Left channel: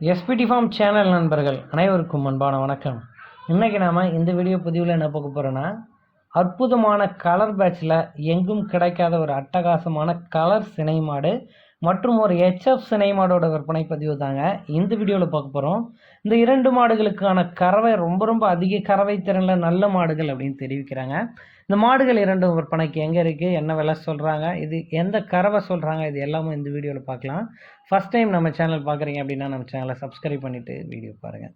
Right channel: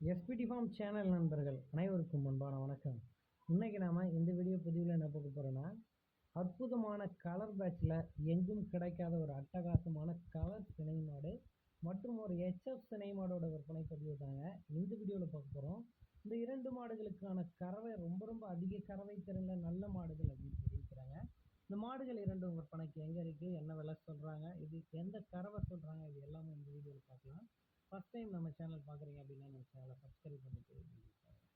SPD form channel நண்பர்கள் அனைவருக்கும் அன்பான வணக்கம். இன்றைக்கி நாம் இந்த வீடியோ பதிவில் என்ன பார்க்க போகிறோன்னா அற்புதமான கலர் பேட்சில் எங்கும் கிடைக்காத ஒரு அட்டகாசமான கலர் சினை மாடு மற்றும் ஒரு ஹெச்எஃப் சினை மாடோட விற்பனை பதிவு தாங்க இந்த வீடியோவில் பார்க்க போகிறோம் இந்த இரண்டு மாடுகளுக்கான கறவை ரொம்ப ரொம்ப அதிக கறவை திறனில் நல்ல மாடுகள் அப்படின்னு தெரிவிக்கிறாங்க. இந்த மாடுகள் இரண்டும் விற்பனைக்கு எங்கே இருக்குது என்ன விலை சொல்கிறாங்க இது எந்த கறவை சொல்கிறாங்க இது எல்லாமே இந்த வீடியோவில் பார்க்கலாம். ஃபஸ்ட் டைம் நம்ம சேனல் பார்க்குறீங்க அப்படின்னா நம்ம சேனலை சப்ஸ்கிரைப் பண்ணிவிட்டு வீடியோ பாருங்கள்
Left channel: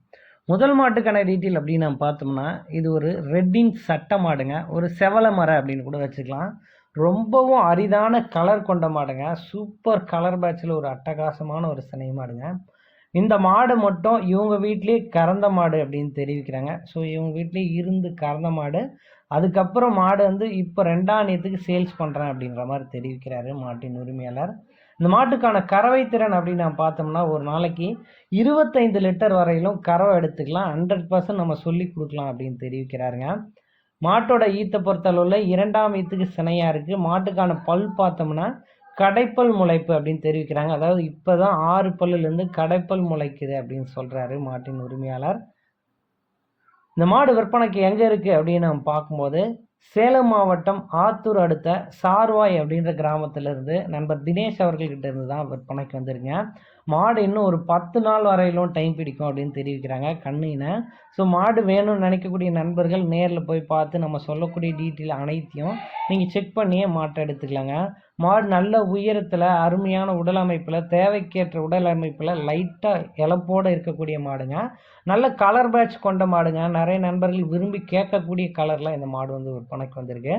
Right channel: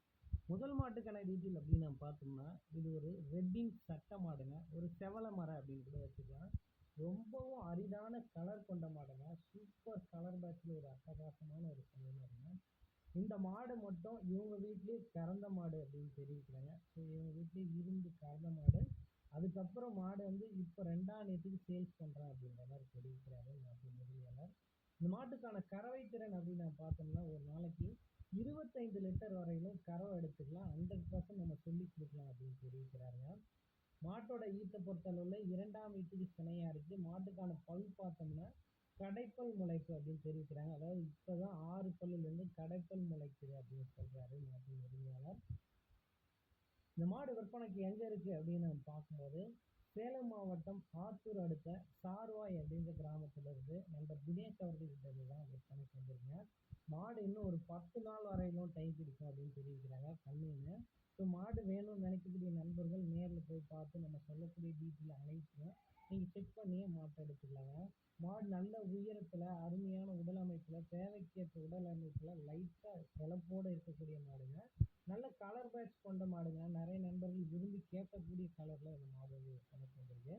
முதல் மாட்டுக்கான டீட்டெயில் அப்படின்னு நம்ம பார்த்தோம்னா இது ஒரு ரெட்டிங் சட்டை மாடுங்க. ஒரு செவல மரம் அப்படின்னு கூட வச்சுக்கலாம். ரொம்பவும் அரிதான கலர் கொண்ட மாடுங்க. சூப்பர் கலர் பேட்சில் ஒரு அட்டகாசமான ஒரு சினை மாடுங்க. இந்த மாடு மட்டும் இவங்க வீட்லேயே கறந்த மாடு அப்படின்னு தெரிவிக்கிறாங்க. ஸோ இவங்க வீட்லேயே இருந்து கறந்த மாடு. அதுக்கப்புறம் மாடு வந்து இப்போ ரெண்டாம் நேரத்துக்கு சேல்ஸ் பண்ணுறேன் அப்படின்ற மாதிரி தெரிவிக்கிறாரு மாட்டின் உரிமையாளர். இந்த மாட்டுக்கான கறவை திறன் அப்படின்னு நம்ம பார்த்தோம்னா ஒரு நாளைக்கு இருபத்தைந்து லிட்டர் வரையிலும் கறவை எடுத்துக்கலாம். ஹண்ட்ரட் பர்சன்ட் நம்ம சொல்லி கொடுக்கலாம் அப்படின்னு தெரிவிக்கிறாருங்க. மாட்டோட ஈத்தை பொறுத்தளவில் இரண்டாம் ஈத்துக்கு சினையாக இருக்குது மாட்டுக்கான பல் பார்த்தோம்னா கடைப்பல் முளைப்பு அப்படின்னு தெரிவிக்கிறாங்க. அதாவது இப்போ தான் ஆறு பல்லுலேருந்து கடைப்பல் முளைக்குது அப்படின்னு சொல்கிறாரு மாட்டின் உரிமையாளர். இந்த மாடு விற்பனைக்கு எங்கே இருக்குது அப்படின்னு நம்ம பார்க்கும்போது சேலம் மாவட்டம் ஆத்தூர் அடுத்த சார்வாய் அப்படின்ற கிராமத்திலிருந்து நண்பர் தினேஷ் அவர்கள்கிட்ட இருந்து தான் விற்பனைக்கு வந்துருங்க. மாடு இன்னும் ஒரு பத்து நாள் வரையிலும் டைம் பிடிக்கும் அப்படின்னு தெரிவிக்கிறாங்க கண்ணினை. ஸோ மாடு வேணும்னு நினைக்கக்கூடிய நண்பர்கள் நேரில் போய் பார்த்து நம்ம சொல்லக்கூடிய டீட்டெயில் அனைத்தையும் நீங்கள் செக் பண்ணியே மாட்டை எடுத்துக்கலாங்க. மாடு நல்ல உயரத்தில் அருமையான உடல் அமைப்பில் தேவைக்கேற்ற உடல் அமைப்பில் லைட்டாக இழப்போடு இருக்கக்கூடிய மாடுங்க. நல்ல கலர் பேட்ச் கொண்ட மாடுங்க. நிறைய நண்பர்கள் விரும்பி கேட்கக்கூடிய கலரில் இந்த மாடு வந்து விற்பனைக்கு வந்திருக்கு.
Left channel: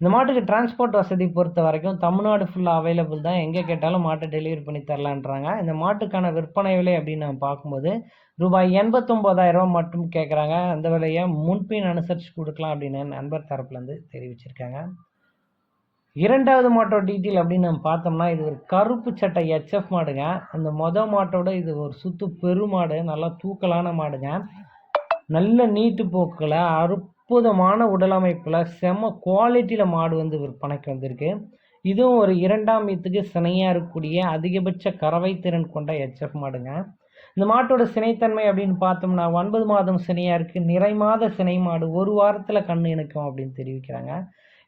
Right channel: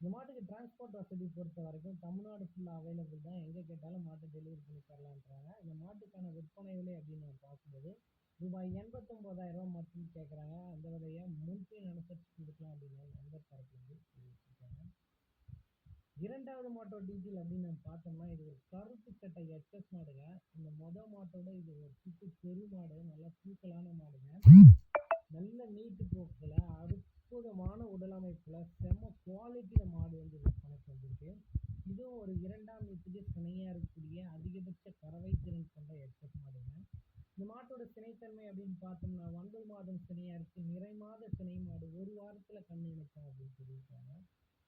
இந்த மாட்டுக்கு டிரான்ஸ்போர்ட் வசதி பொறுத்த வரைக்கும் தமிழ்நாடு ஃபுல்லாக அவைலபிள் தான். எங்கே கேட்டாலும் மாட்டை டெலிவரி பண்ணி தரலான்றாங்க. இந்த மாட்டுக்கான விற்பனை விலை அப்படின்னு நம்ம பார்க்கும்போது ரூபாய் எண்பத்தொம்போதாயிரம் மட்டும் கேட்குறாங்க. அந்த விலையை முன்பின் அனுசரித்து கொடுக்கலாம் அப்படின்னு நண்பர் தரப்புலேருந்து தெரிவிச்சிருக்காங்க. இரண்டாவது மாட்டோட டீட்டெயில் அப்படின்னு நம்ம பார்த்தோம்னா இது ஒரு கருப்பு சட்டை ஹெச்எஃப் மாடுங்க. அந்த மொத மாட்டோட இது ஒரு சுத்து பெருமாடு நல்லா தூக்கலான மாடுங்க. நல்ல நீட்டு போக்கில் அற்புதமான உடலமைப்பில் செம குவாலிட்டியில் மாடு வந்து விற்பனைக்கு வந்திருக்கு. இதுவும் ஒரு இரண்டாம் வீத்துக்கு சினையாக இருக்கக்கூடிய அதிகபட்ச கறவை திறன் கொண்ட ஹெச்எஃப் மாடுங்க. இந்த மாட்டோட சினைத்தன்மை அப்படின்னு பார்த்தோம்னா ஒன்பது மாதம் சினையாக இருக்குது நிறை மாத சினை மாடு ஒரு வாரத்தில் கண் இணைக்கும் அப்படின்னு தெரிவிக்கிறாங்க.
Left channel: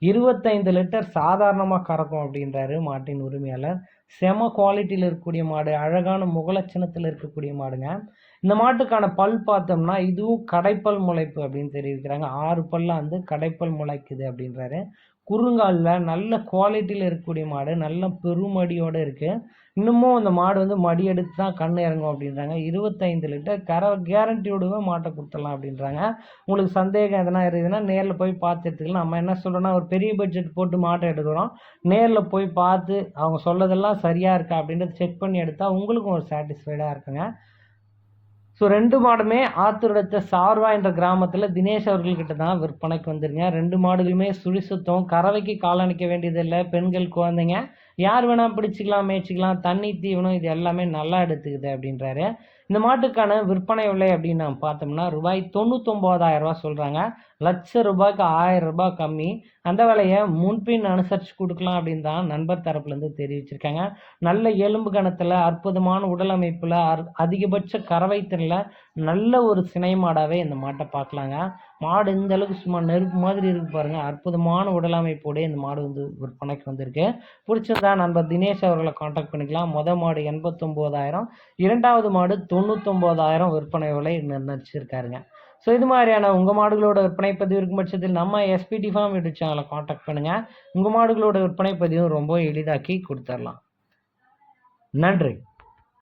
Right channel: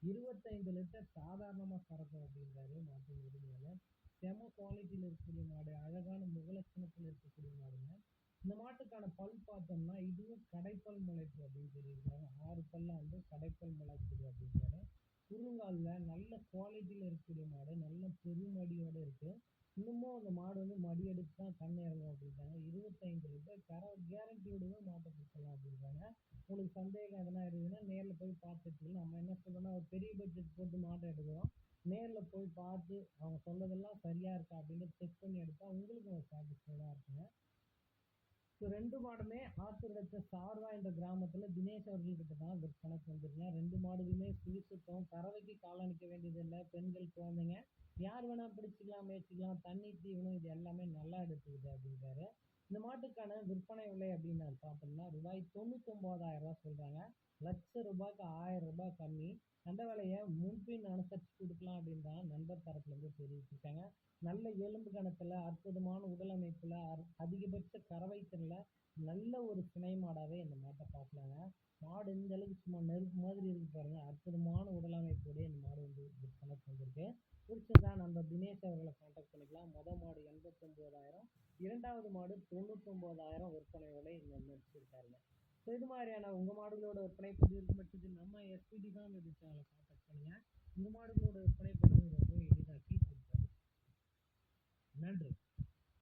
இருபத்தைந்து லிட்டர் சாதாரணமாக கறக்கும் அப்படின்றாரு மாட்டின் உரிமையாளர். செம குவாலிட்டியில் இருக்கக்கூடிய மாடு அழகான முகலட்சணத்தில் இருக்கக்கூடிய மாடுங்க. இந்த மாட்டுக்கான பல் பார்த்தோம்னா இதுவும் கடைப்பல் முளைப்பு அப்படின்னு தெரிவிக்கிறாங்க. ஆறு பல்லாம் வந்து கடைப்பல் முளைக்குது அப்படின்றாரு. குறுங்காலில் நல்ல குவாலிட்டியில் இருக்கக்கூடிய மாடு நல்ல பெருமடியோடு இருக்குது இன்னமும் அந்த மாடு வந்து மடி எடுத்து தான் கண் இறங்கும் அப்படின்றாங்க. இருபத்தைந்து லிட்டர் கர கேரண்டியோடவே மாட்டை கொடுத்துடலாம் அப்படின்றாங்க. உங்களுக்கு சந்தேகம் எதனா இருக்குதுன்னா நேரில் போய் பார்த்து எடுத்துக்கலாம். நம்ம என்ன சொல்கிறோன்னா ஒரு பெரிய பட்ஜெட் போட்டு மாட்டை எடுக்கிறோம். நேரில் போய் பார்த்து அவங்க சொல்லதெல்லாம் சரியாக இருக்கா அப்படின்றத செக் பண்ணி எடுத்தால் உங்களுக்கும் ஒரு சாட்டிஸ்ஃபைடாக இருக்குங்க. ஸோ ரெண்டு மாடுமே ஆத்தூரத்த சார்வா என்ற கிராமத்தில் தினேஷ் அவர்கள்கிட்ட தான் விற்பனைக்கு வந்துருங்க. ரெண்டு மாடுகளுமே சுழி சுத்தம் கறவைக்கு காலணிக்க வேண்டியதில்லை பெண்கள் குழந்தைங்க. யார் வேணால் பிடிச்சிக்கலாம் மேய்ச்சிக்கலாம் தண்ணி தீவனம் இது எல்லாமே நல்லா எடுத்துக்குது அப்படின்றாரு. இந்த மாட்டுக்கான விற்பனை விலை அப்படின்னு நம்ம பார்த்தோம்னா ரூபாய் தொண்ணூத்தொம்போதாயிரம் ரூபா சொல்கிறாங்க லட்ச ரூபாய்க்கு ஆயிரம் ரூபாய் கம்மி. அந்த விலையை முன்பின் அனுசரித்து கொடுக்கலாம் அப்படின்னு தான் நண்பர் தரப்புலேருந்து தெரிவிச்சிருக்காங்க. நல்ல எலும்பு கணத்தில் அற்புதமான உடல் அமைப்பில் அதிகபட்ச கறவை திறனில் நல்ல ஒரு சினை மாடாகவே இந்த மாட்டை பார்க்கலாங்க. மாடு இந்த அளவுக்கு சும்மா நெருப்பு மாதிரி இருக்கு பாருங்கள் அற்புதமான உடல் அமைப்போடே இந்த மாடு வந்து விற்பனைக்கு வந்திருக்கு. பிடிச்சிருந்தா நண்பர் தினேஷ் அவர்களை காண்டாக்ட் பண்ணிக்கலாம். மொதல் மாடு எண்பத்தொம்போதாயிரம். இரண்டாவது மாடு தொண்ணூத்தொம்போதாயிரம் விற்பனை விலை நிர்ணயிச்சிருக்காருங்க. ஸோ இது மாதிரியான உங்கள் மாடுகளோட விற்பனை பதிவு இருக்கும் பட்சத்தில் நம்ம எஸ்பிடி ஃபார்ம் யூடியூப் சேனலை காண்டாக்ட் பண்ணுங்கள் உங்கள் மாடுகளோட விற்பனை பதிவும் ரொம்ப எளிதாக்கி கொடுத்துடலாம் நன்றி.